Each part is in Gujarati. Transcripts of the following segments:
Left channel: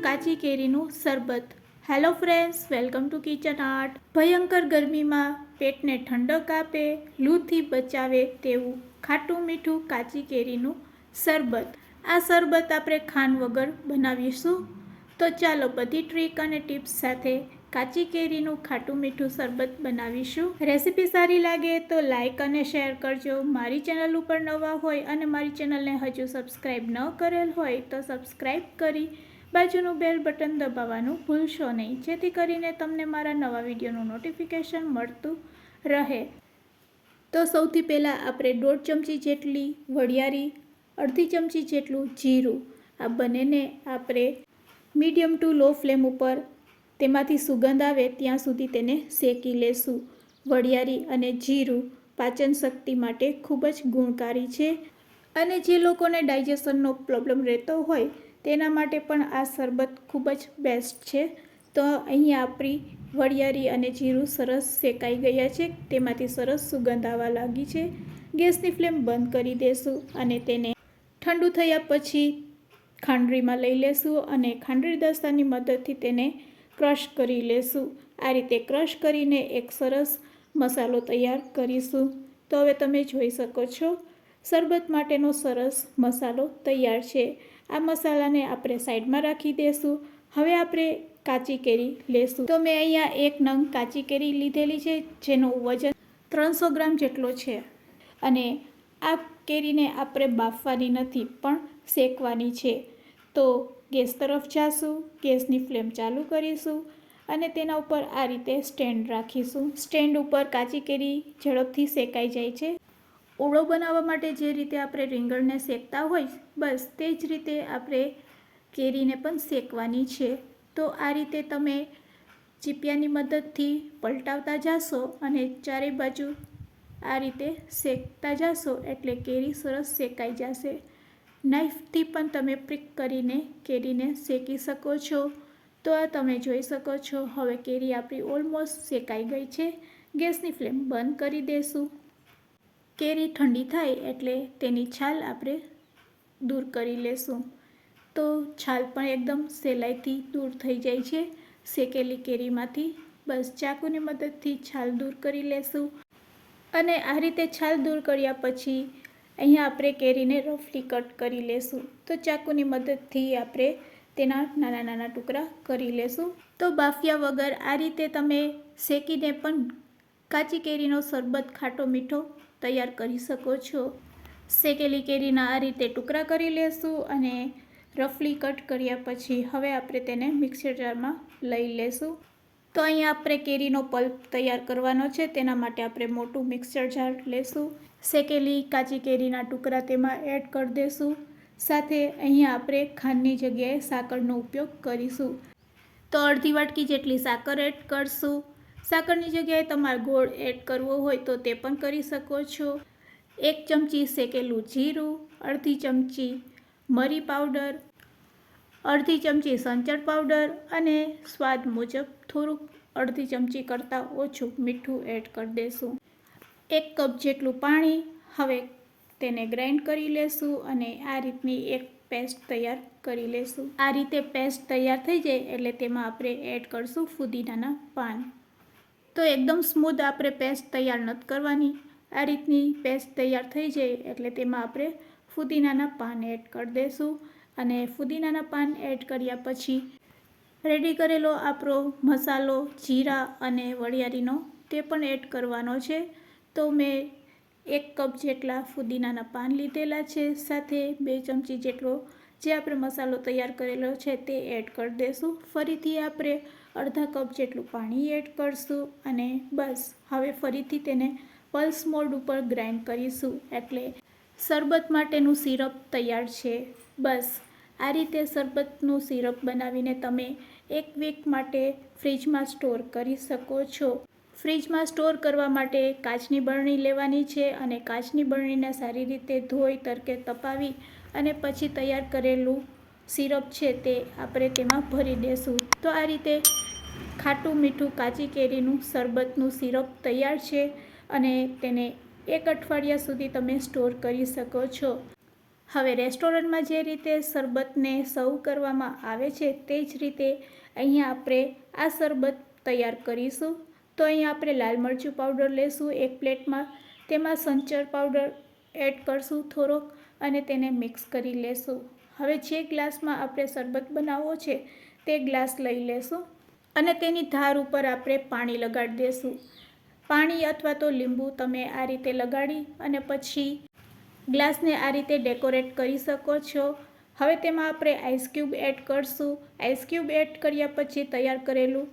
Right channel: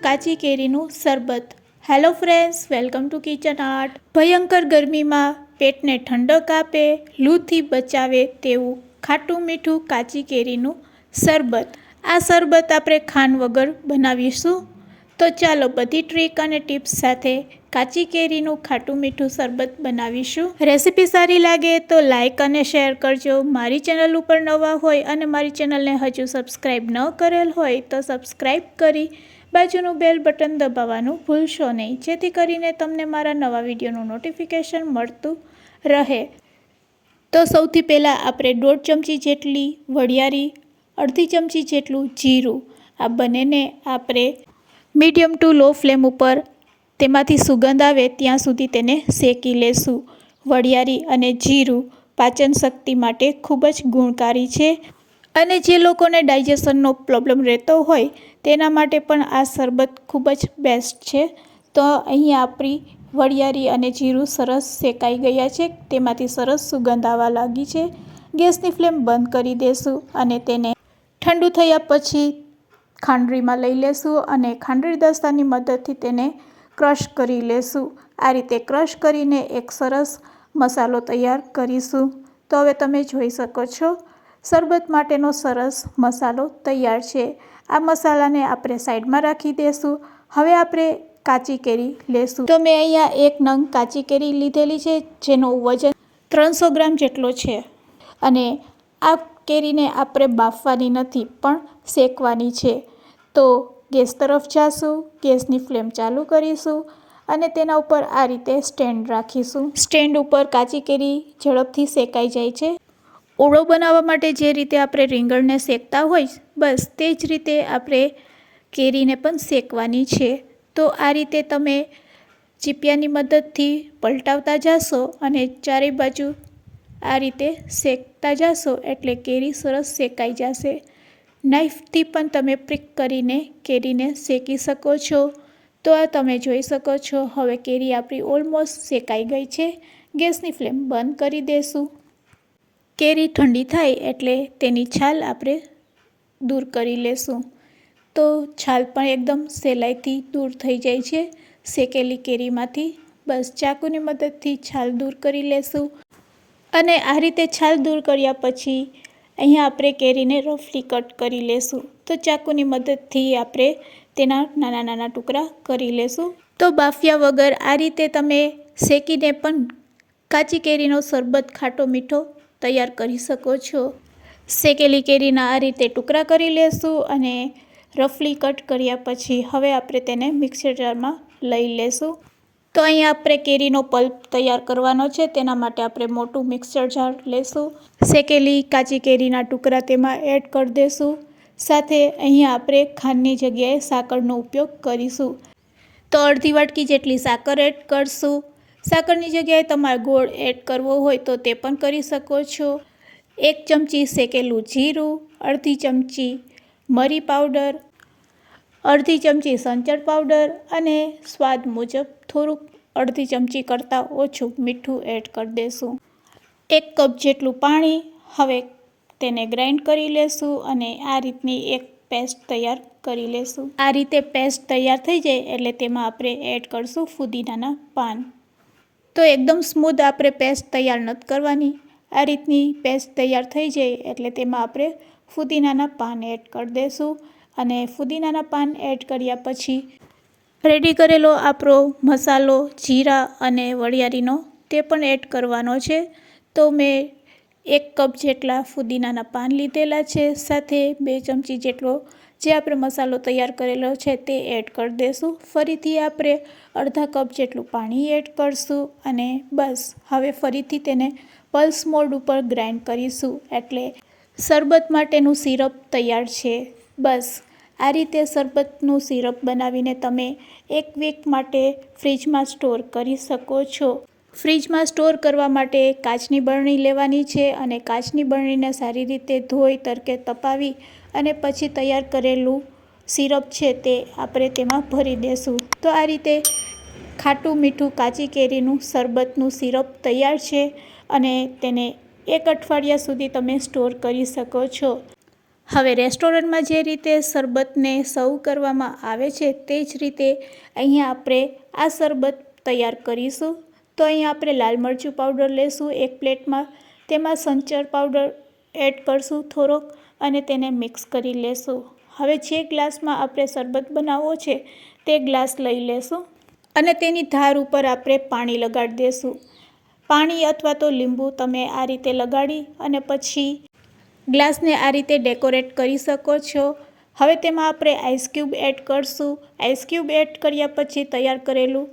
કાચી કેરીનું શરબત। Hello friends, welcome to kitchen art. ભયંકર ગરમીમાં પેટને ઠંડક આપે, લૂથી બચાવે તેવું ખાટું મીઠું કાચી કેરીનું શરબત। આ શરબત આપણે ખાંડ વગર બનાવીશું। તો ચાલો બધી ટ્રીક અને ટિપ્સ સાથે કાચી કેરીનું ખાટું મીઠું શરબત બનાવીશું। રેસીપી સારી લાગે તો લાઇક અને શેર કરજો। મારી ચેનલ ઉપર નવા હોય અને મારી ચેનલને હજુ સબસ્ક્રાઈબ ન કરેલ હોય તો સબસ્ક્રાઈબ કરી બાજુનું બેલ બટન દબાવવાનું ભૂલશો નહીં, જેથી કરીને તમને મારા નવા વિડીયોનું નોટિફિકેશન મળતું રહે। તો સૌથી પહેલાં આપણે 1.5 ચમચી જેટલી વરિયાળી, અડધી ચમચી જેટલું જીરું, આ બંનેને આપણે મીડિયમ ટુ લો ફ્લેમ ઉપર તેમાંથી સુગંધ આવે ત્યાં સુધી તેને શેકી લેશું। વરિયાળી અને જીરું પાચન શક્તિ માટે ખૂબ જ ગુણકારી છે અને જે લોકોને ડાયજેશનનો પ્રોબ્લેમ રહેતો હોય તેના માટે પણ આ શરબત ખૂબ જ બેસ્ટ છે। તો અહીં આપણી વરિયાળી અને જીરું સરસ શેકાઈ ગયા છે, તેમાંથી સરસ સુગંધ આવવા લાગી છે। ગેસની ફ્લેમ બંધ કરી દેશું અને તેને ઠંડુ થયા પછી ખાંડરીમાં લઈ લેશું અને ખાંડરી દસ્તાની મદદથી તેને ક્રશ કરી લેશું। આ રીતે ક્રશ કરીને એક સરસ મસાલો તૈયાર કરીશું। તો હવે તમે જોઈ શકો છો શરબત માટેનો સરસ મસાલો તૈયાર છે। આ મસાલાને આપણે સાઈડમાં રાખી દઈશું। હવે આપણે કાચી કેરી લેશું। તો મેં અહીંયા 1 નંગ કાચી કેરી લીધેલી છે, જેનું વજન 300 ગ્રામ જેટલો છે અને આ કેરીને આપણે બાફવાની નથી પણ શેકવાની છે। તો ગેસ તરફ જાશું, ગેસની ફ્લેમ ચાલુ કરીશું અને તેના ઉપર આ રીતે સ્ટેન્ડ રાખીશું। સ્ટેન્ડ ઉપર કાચી કેરી ઝડપથી શેકાઈ જાય છે। ઓળો બનાવવા માટે જે રીતે આપણે રીંગણને શેકતા હોય, બસ તે જ રીતે આપણે કેરીને પણ શેકવાની છે। તો આ રીતે તમે ચીપિયાની મદદથી પલટાવતા જશો અને ચારે બાજુ આ રીતે શેકતા જશો એટલે કેરી સરસ શેકાઈ જશે। નાઈફથી પણ તમે પ્રિક કરીને કેરીને શેકી શકો છો। તો આ તમે જોઈ શકો છો હવે કેરી આપણી ઓલમોસ્ટ શેકાઈ ગઈ છે। ગેસની ફ્લેમ બંધ કરી દેશું। કેરી ઠંડી થાય એટલે તેની છાલ આપણે દૂર કરી લેશું। તો છાલ પણ એકદમ સહેલાઈથી દૂર થઈ જાય છે શેકેલી કેરીમાંથી। બસ ચાકુની મદદથી છાલ દૂર કરી લેશું અને આ રીતે છાલ દૂર કર્યા પછી અહીંયા આપણે કેરીને રફલી કટ કરી લેશું। તો ચાકુની મદદથી આપણે તેના નાના નાના ટુકડા કરી લેશું। તો બાફ્યા વગર આ રીતે તમે શેકીને પણ કાચી કેરીનો શરબત ખાટો મીઠો તૈયાર કરી શકો છો। શેકેલી કેરીના આ રીતે ટુકડા કરી લેશું અને રફલી કટ કર્યા પછી હવે આપણે તેને મિક્સર જારમાં લઈ લેશું। તો અહીંયા આપણે કેરીનો પલ્પ તૈયાર કરવાનો છે, તેના માટે આપણે મોટું મિક્સર જાર લેશું। શેકેલી કાચી કેરીના ટુકડા તેમાં એડ કરી દેશું। સાથે અહીંયા આપણે ખાંડની જગ્યાએ સાકરનો ઉપયોગ કરીશું। તો અડધી વાટકી જેટલી સાકર એડ કરશું। સાકરની જગ્યાએ તમારે ગોળ એડ કરવો હોય તો તે પણ કરી શકો છો। 1 ચમચી શેકેલું જીરું, અડધી ચમચી મરી પાવડર, અડધી ચમચી સંચળ પાવડર અને સ્વાદ મુજબ થોડુંક અડધી ચમચી કરતાં ઓછું મીઠું એડ કરી દેશું। 1 કપ જેટલું પાણી। હવે તેને ગ્રાઇન્ડ કરી લેશું અને આ રીતની એક પેસ્ટ તૈયાર કરી લેશું। આ રીતે પેસ્ટ તૈયાર થઈ જાય એટલે તેમાં આપણે એડ કરશું ફુદીનાના પાન। તો એકદમ સ્મૂથ આપણે પેસ્ટ તૈયાર નથી કરવાની। આ રીતની પેસ્ટ તૈયાર થઈ જાય એટલે તેમાં આપણે ફુદીનાના પાન એડ કરી દઈશું અને ફુદીનાના પાન એડ કર્યા પછી રેડી કરેલો આપણો મસાલો જીરા અને વરિયાળીનો તે પણ એડ કરવાનો છે। તો મેં 1 કપ જેટલા ફુદીનાના પાન લીધેલા છે, સાથે 2 ચમચી જેટલો જે આપણે મસાલો તૈયાર કરેલો છે તે એડ કરી દઈશું। ફરીથી આપણે અડધા કપ જેટલું પાણી એડ કરશું અને બસ હવે ફરીથી તેને પલ્સ મોડ ઉપર ગ્રાઇન્ડ કરીશું એટલે શરબત માટેનું સિરપ તૈયાર છે। બસ આ રીતે શરબતનું સિરપ બનાવીને તમે 1 વીક માટે ફ્રીજમાં સ્ટોર કરી શકો છો। ફ્રીજમાં સ્ટોર કરવા માટે કાચની બરણી લેવાની છે અને કાચની બરણીને સારી રીતે ધોઈ તડકે તપાવી અને પછી તૈયાર કરેલું સિરપ છે તે આપણે તેમાં ભરી દેશું। તો આ રીતે ખાટું મીઠું કાચી કેરીનું શરબતનું સિરપ તૈયાર છે અને તેને 1 અઠવાડિયા સુધી તમે સ્ટોર કરી શકો છો। હવે રેસ્ટોરન્ટમાં જે રીતે શરબતને સર્વ કરવામાં આવે છે તે જ રીતે અહીંયા આપણે આ શરબત તૈયાર કરીશું. તો અહીંયા આપણે લાલ મરચું પાવડર લેશું 1 પ્લેટમાં, તેમાં સંચર પાવડર એડ કરશું થોડોક અને તેને મિક્સ કરી લેશું. હવે જે ગ્લાસમાં આપણે શરબત બનાવવો છે તે ગ્લાસ લઈ લેશું અને તેની ધાર ઉપર આપણે પાણી લગાડી દેશું. પાણી અથવા તો લીંબુ તમે આ રીતે લગાડી અને પછી ગ્લાસને આ રીતે ડેકોરેટ કરી શકો છો. હવે તેમાં આપણે આઈસ ક્યુબ એડ કરશું. આઈસ ક્યુબ એડ કર્યા પછી તૈયાર કરેલું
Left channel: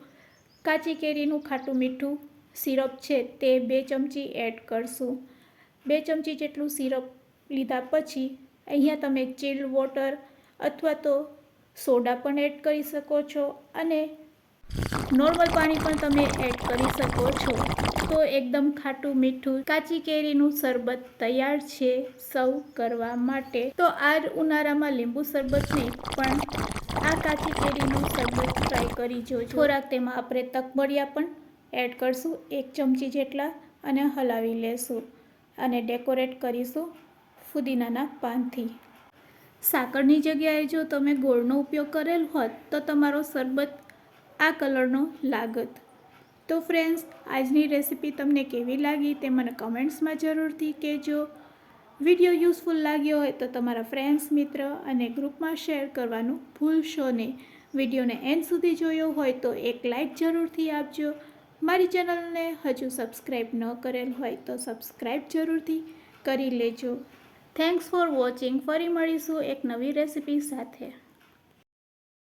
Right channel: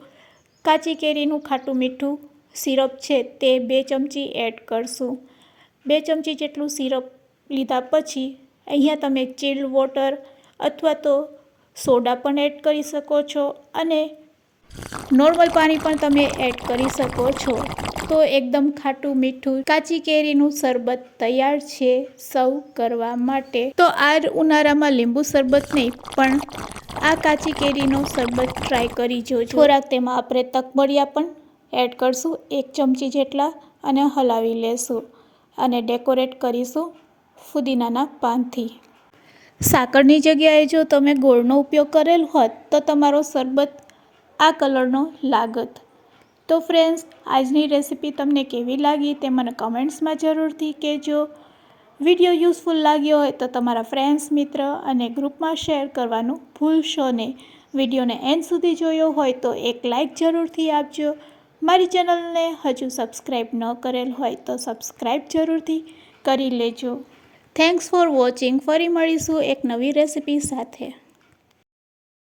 કાચી કેરીનું ખાટું મીઠું સિરપ છે તે 2 ચમચી એડ કરશું. 2 ચમચી જેટલું સિરપ લીધા પછી અહીંયા તમે ચિલ્ડ વોટર અથવા તો સોડા પણ એડ કરી શકો છો અને નોર્મલ પાણી પણ તમે એડ કરી શકો છો. તો એકદમ ખાટું મીઠું કાચી કેરીનું શરબત તૈયાર છે સર્વ કરવા માટે. તો આ ઉનાળામાં લીંબુ શરબત નહીં પણ આ કાચી કેરીનું શરબત ટ્રાય કરી જોજો. થોડાક તેમાં આપણે તકબરિયા પણ એડ કરશું 1 ચમચી જેટલા અને હલાવી લેશું અને ડેકોરેટ કરીશું ફુદીનાના પાનથી. સાકરની જગ્યાએ જો તમે ગોળનો ઉપયોગ કરેલ હોત તો તમારો શરબત આ કલરનો લાગત. તો ફ્રેન્ડ્સ, આજની રેસીપી તમને કેવી લાગી તે મને કમેન્ટ્સમાં જરૂરથી કહેજો. વિડીયો યુઝફુલ લાગ્યો હોય તો તમારા ફ્રેન્ડ્સ, મિત્ર અને ગ્રુપમાં શેર કરવાનું ભૂલશો નહીં. વિડીયોને એન્ડ સુધી જોયો હોય તો એક લાઇક જરૂરથી આપજો. મારી ચેનલને હજુ સબસ્ક્રાઈબ ન કરેલ હોય તો સબસ્ક્રાઈબ જરૂરથી કરી લેજો. Thanks for watching. ફરી મળીશું એક નવી રેસીપી સાથે.